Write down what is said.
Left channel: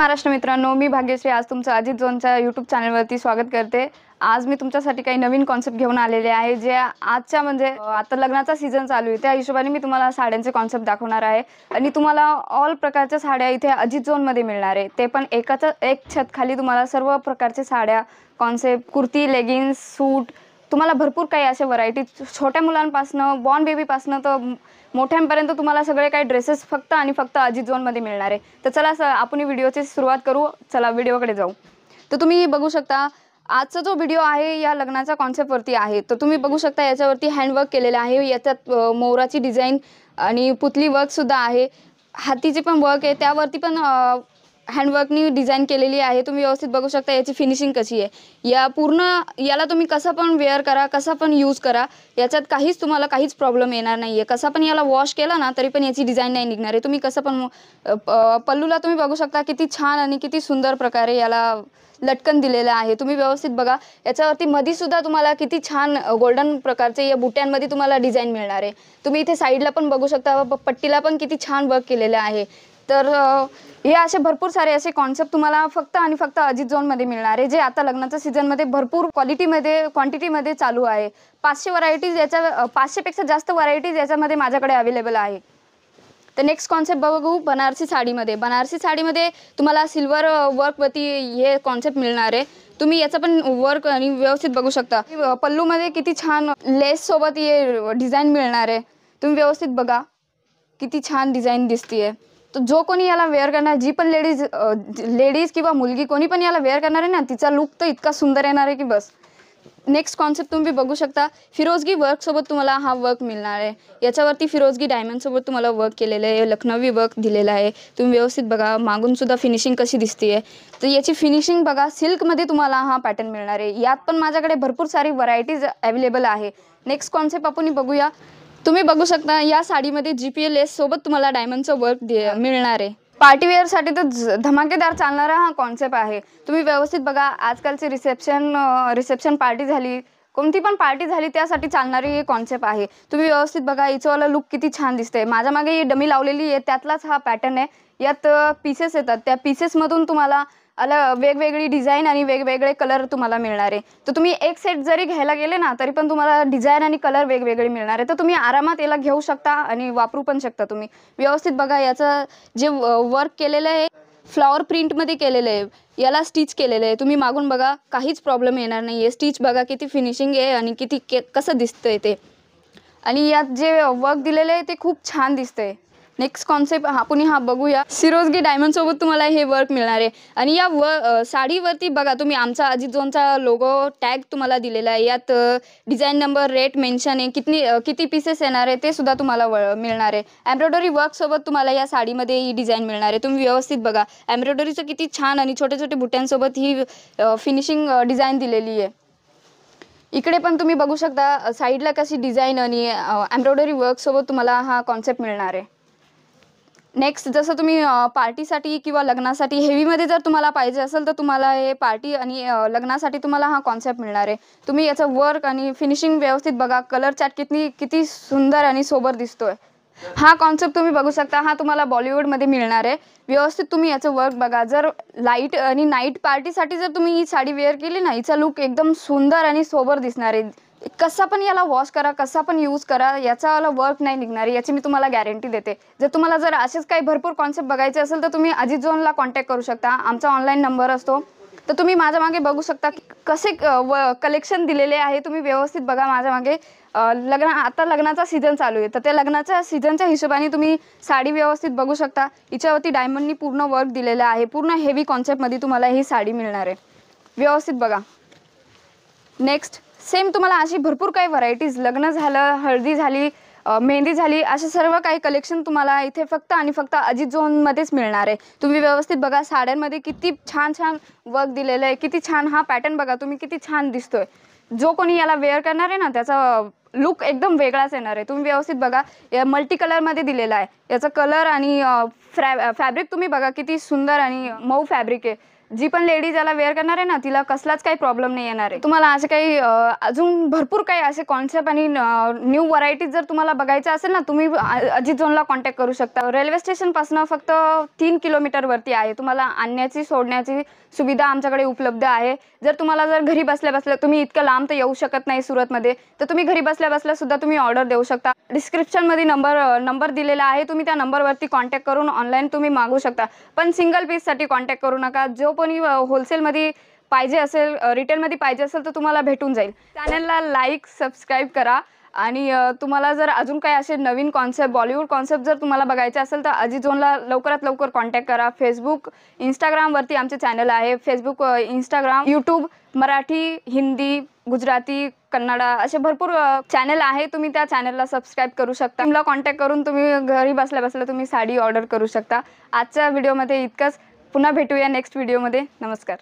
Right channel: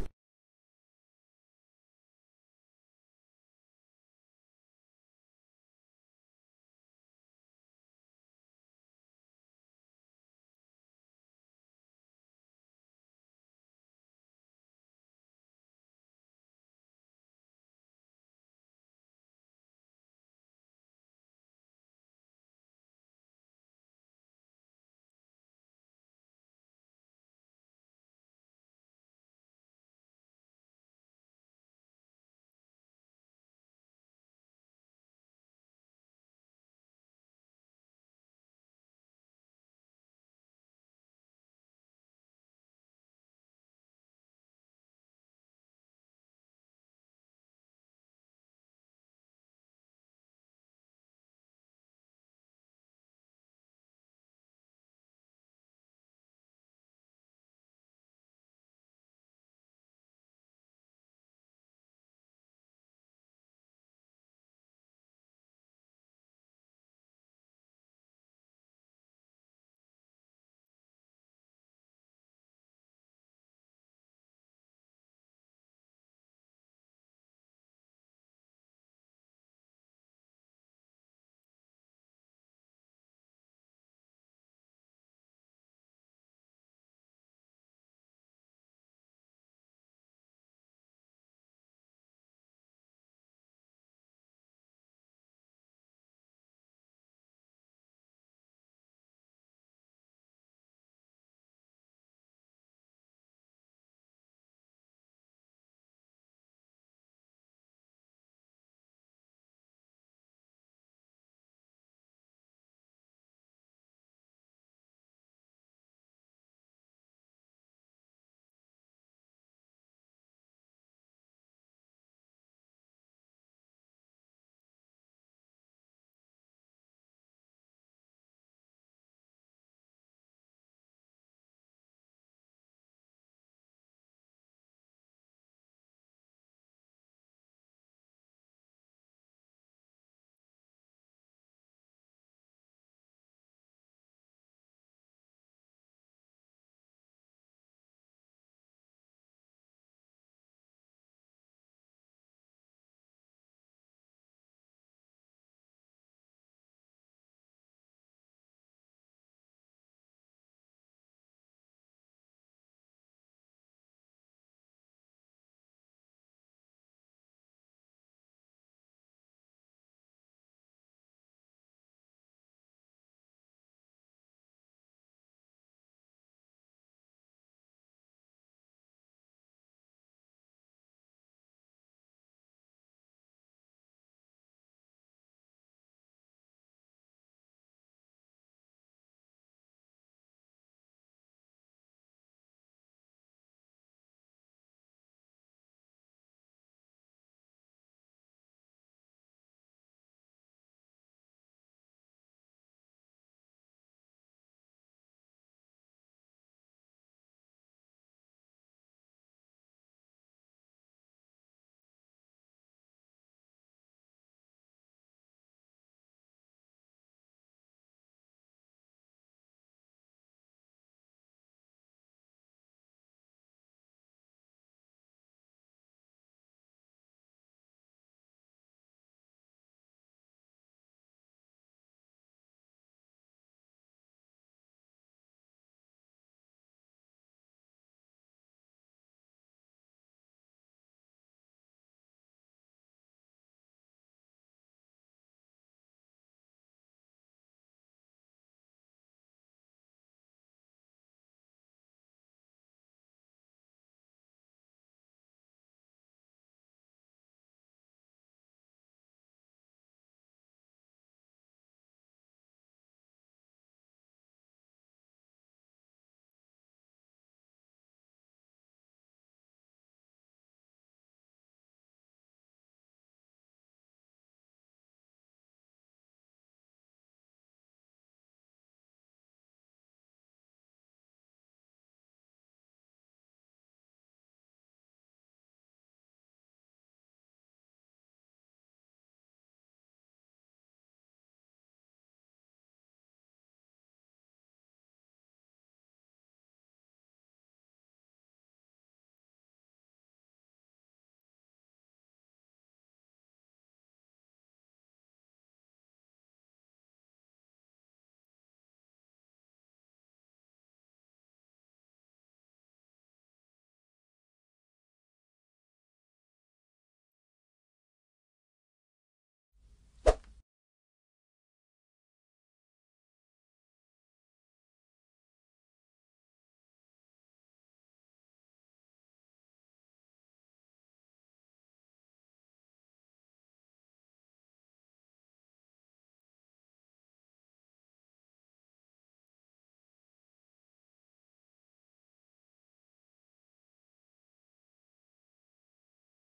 महाराष्ट्र मित्रांनो, मी भाग्यश्री आज तुमचं अजित झोनच्या यूट्यूब चॅनलवरती स्वागत करते। आज मी तुमच्यासाठी काही नवीन कॉन्सेप्ट घेऊन आलेले आहे जे आजच्या आता लग्नाचा सीझन चालू आहे त्या हिशोबाने मी तुम्हाला साड्यांचे कॉन्सेप्ट दाखवणार आहे आणि तुम्हाला ऑल प्रकारच्या साड्या इथे अजित झोनमध्ये मिळणार आहे। ते पण एक छत खाली तुम्हाला सर्व प्रकारच्या साड्या, कॉन्सेप्ट, कुर्ती, लेगिन्स, सूट तुम्हाला भरपूर काही असे व्हरायटी छोट्या मुलांपासून बॉर्न बेबीपासून तर मोठ्यांपर्यंत तुम्हाला सगळे काही ड्रेसेस फक्त आणि फक्त अजित झोनमध्ये मिळणार आहे। तर चला आपण व्हिडिओची सुरुवात करू। चला व्हिडिओकडे जाऊ। तर तुम्ही बघू शकता आजचा जो व्हिडिओ आहे या लग्नाच्या कॉन्सेप्टवरती आहे। तर तुम्ही बघू शकता याच्यावरती हँडवर्क केलेलं आहे। याच्यात मोराची डिझाईन आणि पुतली वर्क सुद्धा आहे। हातीची पण वर्क आहे, त्यावरती पण हँडवर्कनी डिझाईन केलेली आहे। तुम्ही व्यवस्थित बघू शकता याची फिनिशिंग कशी आहे। या पूर्ण याला तुम्ही कसं पण वेअर करा, कसं पण यूज करा, याच्यात तुम्हाला काहीच प्रॉब्लेम येणार नाहीये। कसा पण याला वॉश केला ना तरी पण याची डिझाईन नाही निघणार आहे। तुम्ही कसं पण पल्लूला तुम्ही बघू शकता किती छान आणि किती सुंदर प्रकारे याला लटकन दिलेलं आहे। तुम्ही व्यवस्थित बघा याच्यावरती मध्ये सुद्धा तुम्हाला किती छान गोल्डन प्रकारचे या बुट्यांमध्ये तुम्हाला डिझाईन मिळणार आहे। तुम्ही इथे साईडला पण बघू शकता, पट्टीला पण किती छान वर्क केलेलं आहे। तर हे असे भरपूर सारे असे कॉन्सेप्ट तुम्हाला फक्त आणि फक्त अजित झोनमध्ये मिळणार आहे, जे आता लग्नाच्या सीझनमध्ये भरपूर क्वांटिटीमध्ये चालू आहे। 500 व्हरायटीज, याच्या 500 पेक्षा जास्त व्हरायटीज याच्यामध्ये माझ्याकडे अवेलेबल आहे। तर नेक्स्ट कॉन्सेप्ट बघू बनारसी साडीमध्ये। बनारसी साडीमध्ये तुम्हाला सिल्वर वर्कवरती हे कॉन्सेप्ट मिळणार आहे। तुम्ही याचं पण वर्क आणि व्यवस्थित बघू शकता। पल्लूमध्ये किती छान लेस सोबत हे डिझाईन मिळणार आहे। तुम्ही व्यवस्थित बघा किती छान डिझाईन दिसतीये। तर जो कोणी याला वेअर करणार, जी पण लेडीज किंवा मुलगी कोणी पण याला वेअर करणार आहे ना, तिचा लुक तर इतका सुंदर येणार आहे की बस। नेक्स्ट कॉन्सेप्ट तुम्ही बघू शकता फिरोजगी वर्क सोबत तुम्हाला हा वर्क मिळणार आहे। याच्यावरती फिरोजगी डायमंड सोबत तुम्हाला वर्क केलेलं आहे, लखनवी वर्क दिलेला आहे। तुम्ही व्यवस्थित बघा मागून सुद्धा फिनिशिंग कशी दिसतीये। तर याची फिनिशिंग बघा, सिल्कमध्ये तुम्हाला हा पॅटर्न मिळणार आहे। यात पण माझ्याकडे भरपूर सारी व्हरायटीज अवेलेबल आहे। नेक्स्ट कॉन्सेप्ट आपण बघूया। तुम्ही बघू शकता या साडीमध्ये जीपीएल लेस सोबत तुम्हाला डायमंडचं वर्क मिळणार आहे। पार्टीवेअर साठी तर धमाकेदार चालणारा हा कॉन्सेप्ट आहे। तुम्ही व्यवस्थित बघा आजकालची रिसेप्शन पार्टी झाली, कोणती पण पार्टी झाली त्यासाठी चालणारी हे कॉन्सेप्ट आहे। तुम्ही व्यवस्थित बघा हिचंवाला लुक किती छान दिसतंय। माझ्या मागे ही डमी लावलेली आहे, त्यातलाच हा पॅटर्न आहे। यात पीसेस येतात, त्या पीसेसमधून तुम्हाला वेगवेगळी डिझाईन आणि वेगवेगळे कलर तुम्हाला मिळणार आहे। तर तुम्ही एक सेट जरी घ्यायला गेले ना तरी पण तुम्हाला डिझाईन आणि कलर वेगवेगळे मिळणार आहे। तर तुम्ही आरामात याला घेऊ शकता आणि वापरू पण शकता। तुम्ही व्यवस्थित बघा याचं जे वर्क केलेलं आहे फ्लॉवर प्रिंटमध्ये केलेलं आहे, याला स्टिच केलेलं आहे। तुम्ही मागून बघा काहीच प्रॉब्लेम येणार नाही आहे। स्टिच बघा किती फिनिशिंग आहे आणि किती कसं दिसतंय ते, आणि यात जे वर्क दिलेलं आहे ते खूप छान दिसतंय। नेक्स्ट कॉन्सेप्ट आपण हा बघूया। सिरोजगी डायमंड सोबत तुम्हाला हे वर्क मिळणार आहे आणि या साडीवरती बघा तुम्ही आमचा अजित झोनचा लोगो टॅग तुम्हाला दिलेला आहे। यात डिझाईन नंबर, रेट मेन्शन आहे, किती पीसेस येणार आहे ते सुद्धा तुम्हाला मिळणार आहे। एम्ब्रॉयडरी वर्क सोबत तुम्हाला या साडीमध्ये ही डिझाईन मिळणार आहे। तुम्ही व्यवस्थित बघा एम्ब्रॉयडरीचं किती छान आणि छोटे छोटे बुट्यांसोबत ही फिनिशिंग डिझाईन दिलेली आहे। इकडे पण तुम्ही बघू शकता साईडला कशी डिझाईन आणि एम्ब्रॉयडरी वर्क सोबत तुम्हाला हा कॉन्सेप्ट मिळणार आहे। नेक्स्ट जसं तुम्ही पार्टीसाठी किंवा लग्नासाठी हेवीमध्ये जर तुम्हाला पाहिजे असेल तर तुम्हाला हे पार्टी आणि लग्नासाठी तुम्हाला हा कॉन्सेप्ट मिळणार आहे। तुम्ही याचं वर्क आणि फिनिशिंग व्यवस्थित बघा, कलर चार्ट किती सुंदर आणि सोबर दिसतोय। हा कॉन्सेप्ट तुम्ही बघू शकता, हा तुम्हाला बॉलिवूडमध्ये मिळणार आहे। व्यवस्थित तुम्ही याचं वर्क बघा। जर लाईट आणि नाईट पार्टीसाठी जर तुम्ही ही साडी वेअर केली ना, हिचा लुक एकदम सुंदर आणि सोबर दिसणार आहे। कसा पण याला वॉश करा, कसा पण यूज करा, याचा वर्क नाही निघणार आहे, याची मी तुम्हाला गॅरंटी देते। जर तुम्हाला जर असेच काही भरपूर कॉन्सेप्ट बघायचे असेल तर तुम्ही अजित झोनला कॉन्टॅक्ट करू शकता, आमचा ऑनलाईन नंबर असतो। तर तुम्ही माझ्या मागे बघू शकता कसे कलेक्शन दिलेले आहे। तुम्ही व्यवस्थित बघा माझ्या मागे आता लग्नाचा सीझन चालू आहे, तर त्या लग्नाच्या सीझनच्या हिशोबाने तुम्ही साडी व्यवस्थित बघू शकता। हिच्यावरती डायमंडनी पूर्ण वर्क दिलेलं आहे। पूर्ण हेवी कॉन्सेप्टमध्ये तुम्हाला ही साडी मिळणार आहे। व्यवस्थित बघा। नेक्स्ट सेम तुम्हाला अशी भरपूर काही व्हरायटीज, लग्न झालं, हळदी झाली, मेहंदी झाली, असे सर्व काही कलेक्शन तुम्हाला इथे फक्त आणि फक्त अजित झोनमध्येच मिळणार आहे। तुम्ही व्यवस्थित बघा साड्यांमध्ये किती छान छान वर्क दिलेलं आहे, किती छान हा पॅटर्न बघा तुम्ही किती छान दिसतोय। जो कोणी याला वेअर करणार आहे ना त्याचा लुक एकदम वेगळाच येणार आहे। तुम्ही व्यवस्थित बघा या मल्टी कलरमध्ये दिलेला आहे। याचा कलर आणि फॅब्रिक तुम्ही बघा किती सुंदर आणि मऊ फॅब्रिक आहे। जी पण लेडीज याला वेअर करणार आहे ना, तिला कसलाच काही प्रॉब्लेम नाही येणार आहे. तुम्हाला असे काही अजून भरपूर काही असे कॉन्सेप्ट आणि न्यू व्हरायटीज जर तुम्हाला बघायचं असेल ना, तुम्ही अजित झोनला कॉन्टॅक्ट करू शकता. रेल्वे स्टेशनपासून फक्त 3 किलोमीटरवरती आहे. तुम्हाला आणण्याची सोडण्याची सुविधा आमच्याकडे उपलब्ध आहे. जर घरी बसल्या बसल्या तुम्ही इतकं लांब तर येऊ शकत नाही सुरतमध्ये, तर तुम्ही घरी बसल्या बसल्या सुद्धा तुम्ही ऑर्डर देऊ शकता. डिस्क्रिप्शनमध्ये नंबर दिलेला आहे. तुम्ही त्या नंबरवरती कॉन्टॅक्ट करून ऑनलाईन तुम्ही मागवू शकता. पण सिंगल पीससाठी कॉन्टॅक्ट करू नका. जो कोणी होलसेलमध्ये पाहिजे असेल, रिटेलमध्ये पाहिजे असेल तर तुम्हाला भेटून जाईल. चॅनलला लाईक, सबस्क्राईब करा आणि तुम्हाला जर अजून काही असे नवीन कॉन्सेप्ट, बॉलिवूड कॉन्सेप्ट जर तुम्हाला बघायचे असेल तर अजित झोनला लवकरात लवकर कॉन्टॅक्ट करा. फेसबुक, इंस्टाग्रामवरती आमचे चॅनल आहे. Facebook, Instagram, YouTube, Marathi, Hindi, Gujarati, Kannada असे भरपूर चॅनल आहे. तुम्ही त्या चॅनलला सबस्क्राईब करू शकता. टीमला कॉन्टॅक्ट करून तुम्ही घरी बसल्या बसल्या तुम्ही साडी ऑर्डर करू शकता. आजच्या व्हिडिओमध्ये इतकंच. पुन्हा भेटूया नेक्स्ट व्हिडिओमध्ये. नमस्कार.